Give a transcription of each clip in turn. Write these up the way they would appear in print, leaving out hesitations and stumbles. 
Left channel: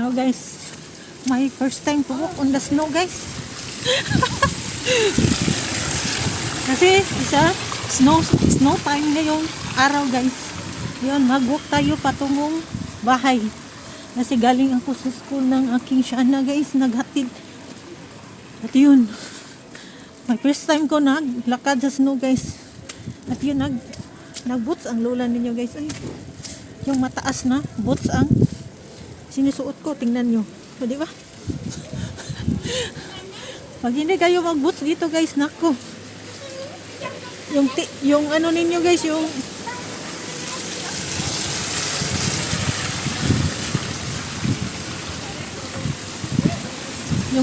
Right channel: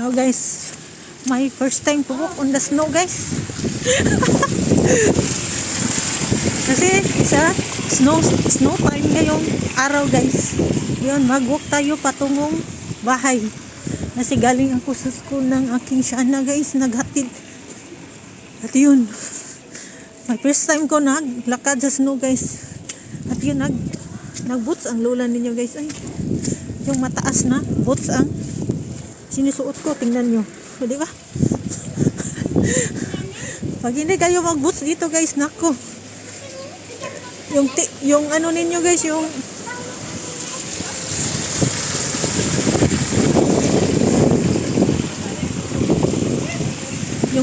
Now guys, my first time to walk on the snow guys. Kasi isa snow time ngayong araw guys. Yun, mag-walk tayo patungong bahay. Kasi galing ako sa school ng aking Shana guys, naghatid. At yun, my first time ko naglakad sa snow guys. At yun, nag-boots ang lola ninyo guys. Ay, yung mataas na boots ang sinusuot ko, tingnan nyo. So, di ba? Pag hindi kayo mag-boots dito guys, nako. Yung ano ninyo guys, yung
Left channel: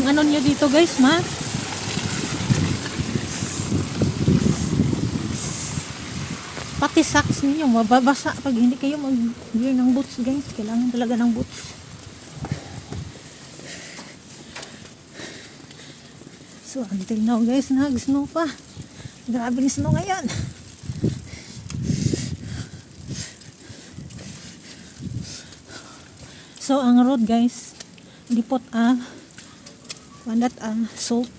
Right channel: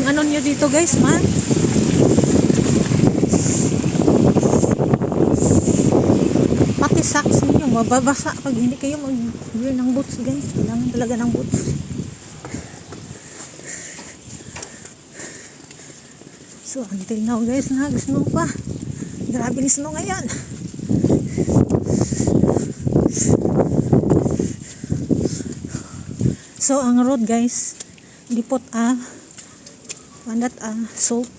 ano nyo dito guys, pati socks ninyo mababasa pag hindi kayo mag-wear ng boots guys. Kailangan talaga ng boots. So until now guys, nag-snow pa. Grabe yung snow ngayon. So ang road guys, lipot salt.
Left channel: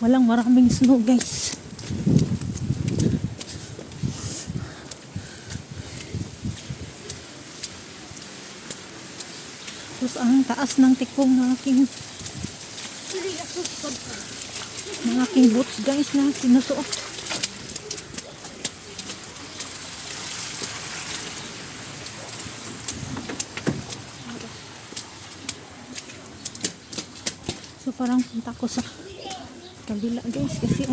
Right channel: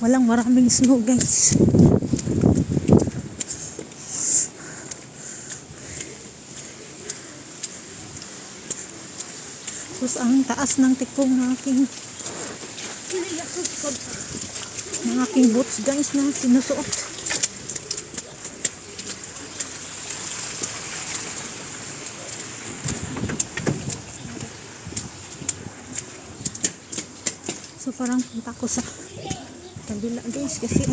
Walang maraming snow guys. Tapos ang taas ng tikong ng aking boots guys na sinusuot. So parang punta ko sa kabila guys kasi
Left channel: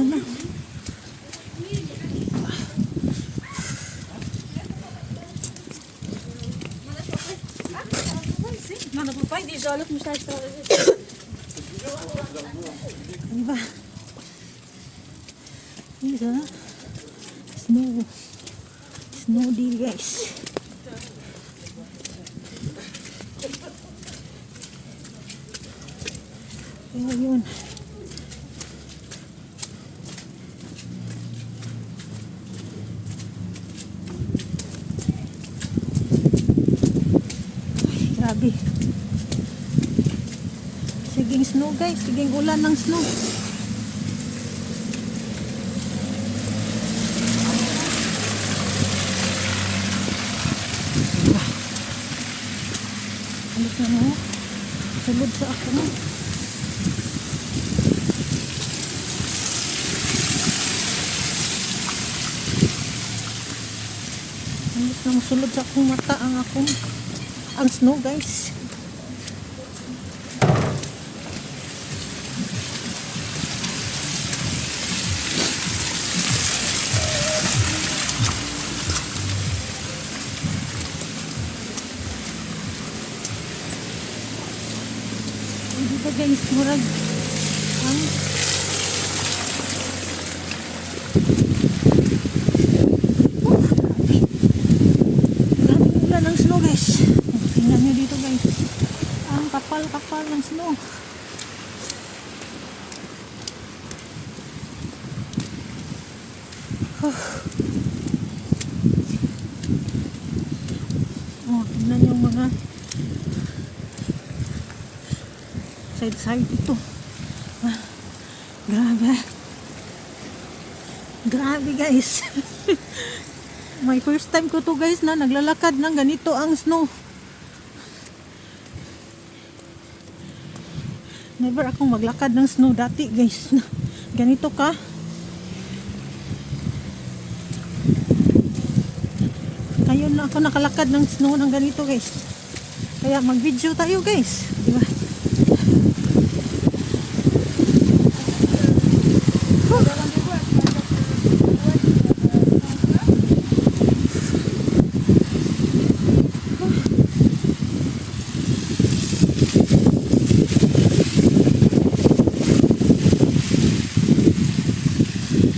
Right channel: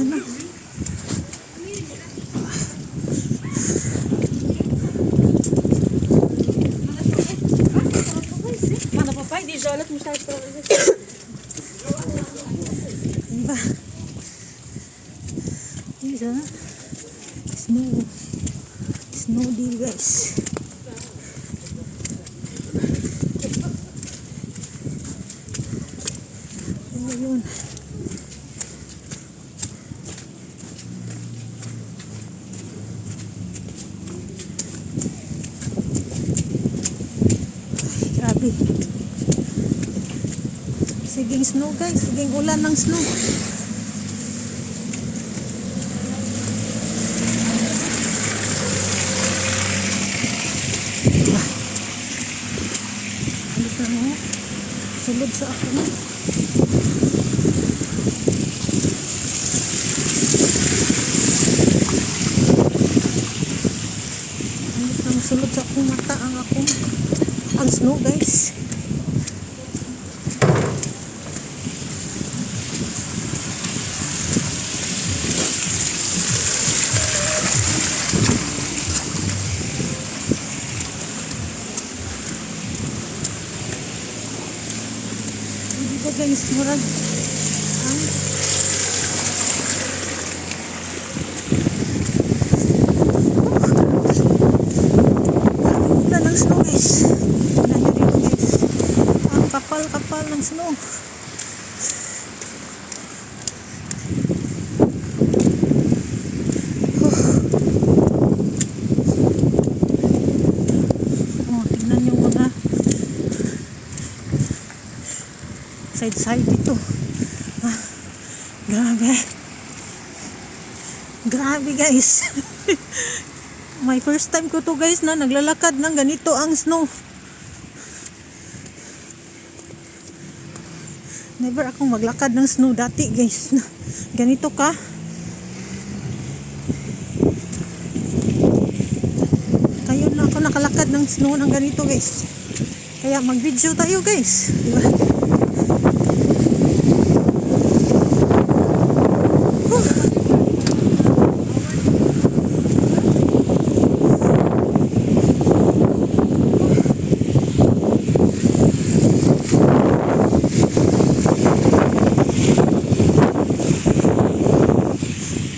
diba? Snow day guys. Ayun. Grabe. Siging snow guys, siging ulan ng snow. Alis na mo. Sulod sa ako. Alis na mo. Sulod sa akong mata ang snow guys. Dito guys, murag ang ulan ng snow guys. Tingnan nyo dito guys, ang kapal ng snow. Tingnan nyo mga side dito. Grabe guys. My first time ko to guys na naglalakad ng ganito ang snow. Never akong maglakad ng snow dati guys na ganito ka. Ngayon na ako nakalakad ng snow ng ganito guys. Kaya mag-video tayo guys, di ba?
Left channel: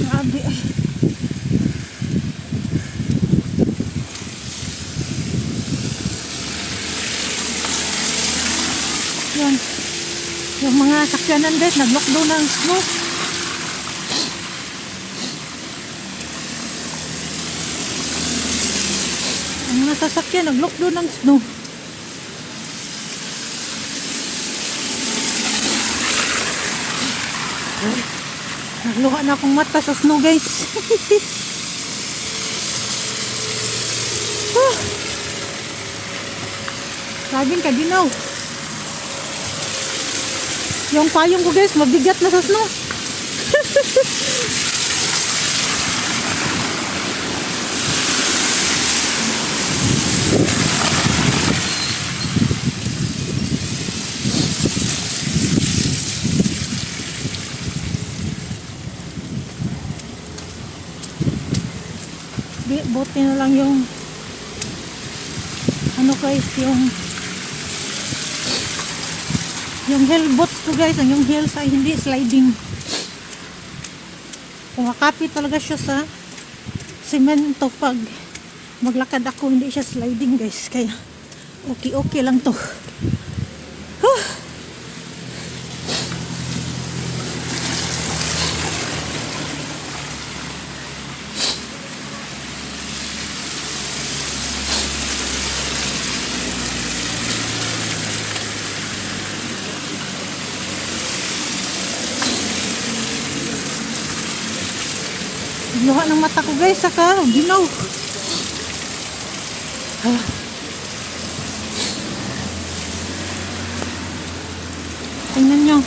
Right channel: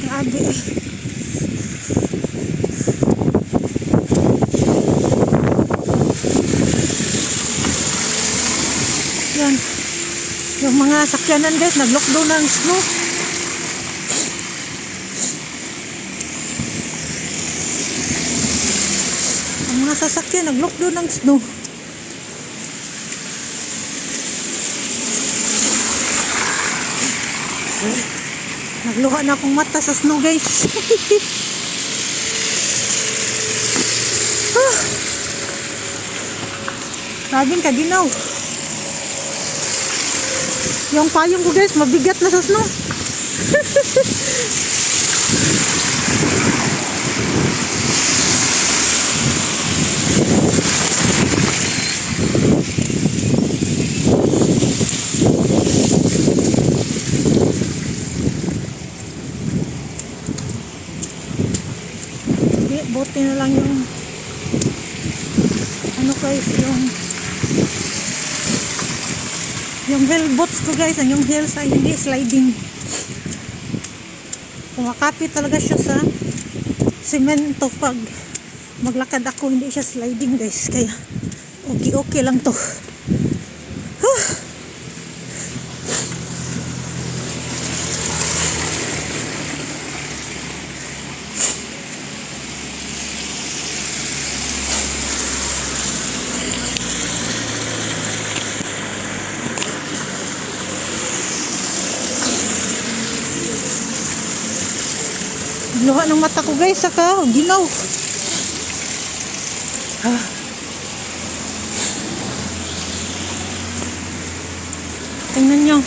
Grabe ay. Yan. Yung mga sakyanan guys, nag-lockdown ng snow. Ang mga sasakyan, nag-lockdown ng snow. Nagluha na akong mata sa snow guys. Sabing kaginaw. Yung payong ko guys, mabigat na sa snow. Buti na lang yung ano guys, yung heel boots ko guys, yung heels ay hindi sliding. Kumakapit talaga siya sa semento pag maglakad ako, hindi siya sliding guys, kaya okay lang to. Luha ng mata ko guys, saka ginaw. Tingnan nyo.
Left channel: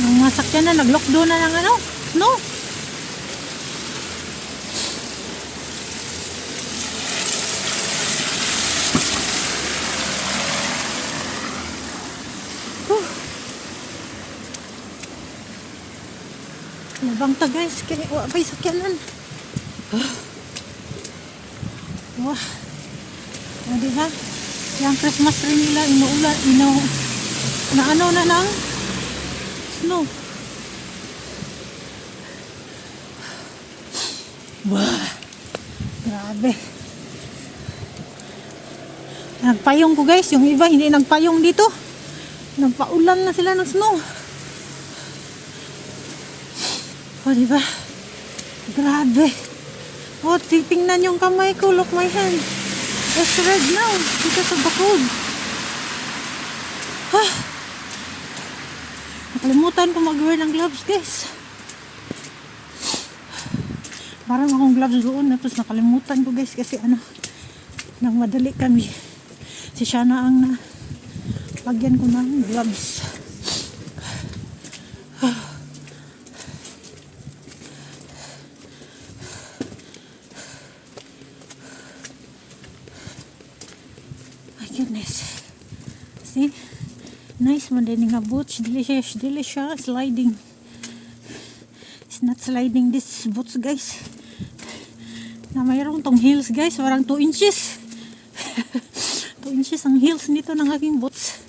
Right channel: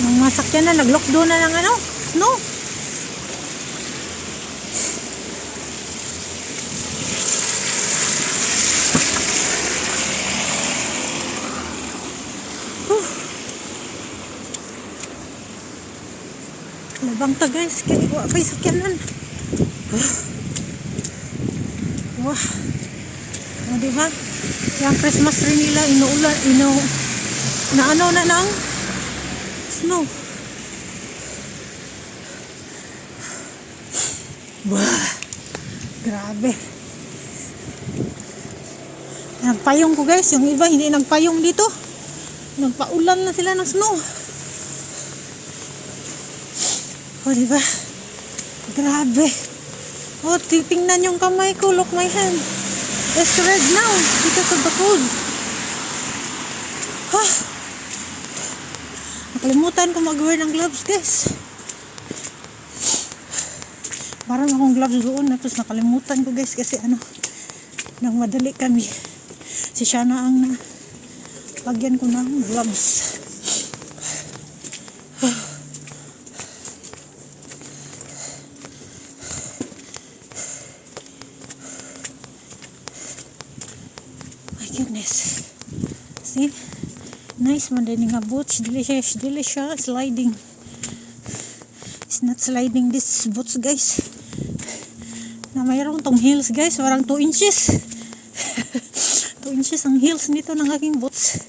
Yung masakyan na, nag-lockdown na ng ano, snow. Labang ta guys, kaya wala pa'y sakyanan. Wah. O diba? Yung Christmas tree nila, na ano na ng snow. Wah. Grabe. Nagpayong ko guys, yung iba hindi nagpayong dito. Nagpaulan na sila ng snow. O diba? Grabe. O, titingnan yung kamay ko. Look my hand. It's red now because of the cold. Nakalimutan ko mag-wear ng gloves guys. Parang akong gloves doon na, tapos nakalimutan ko guys kasi ano, nang madali kami. Si Shana ang lagyan ko ng gloves. Goodness. See? Nice man din nga boots. Delicious sliding. It's not sliding this boots guys. Na mayroon tong heels guys. Parang 2 inches. 2 inches ang heels nito ng aking boots.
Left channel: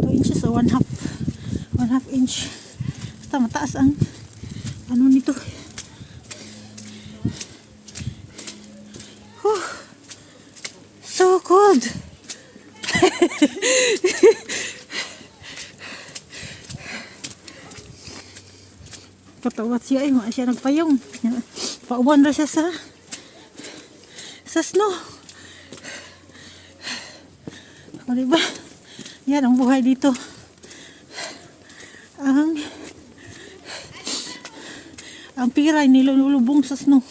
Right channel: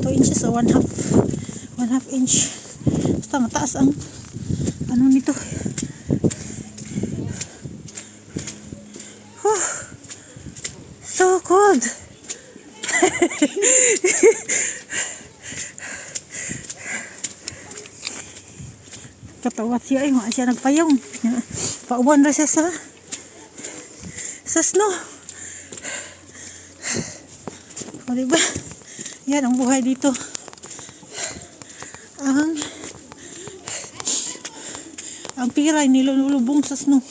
2 inches o 1/2 inch. Basta mataas ang ano nito. So cold. Katawat siya ay siya nagpayong. Pauban na siya sa snow. O diba? Yan ang buhay dito. Ang pira nilulubong sa snow.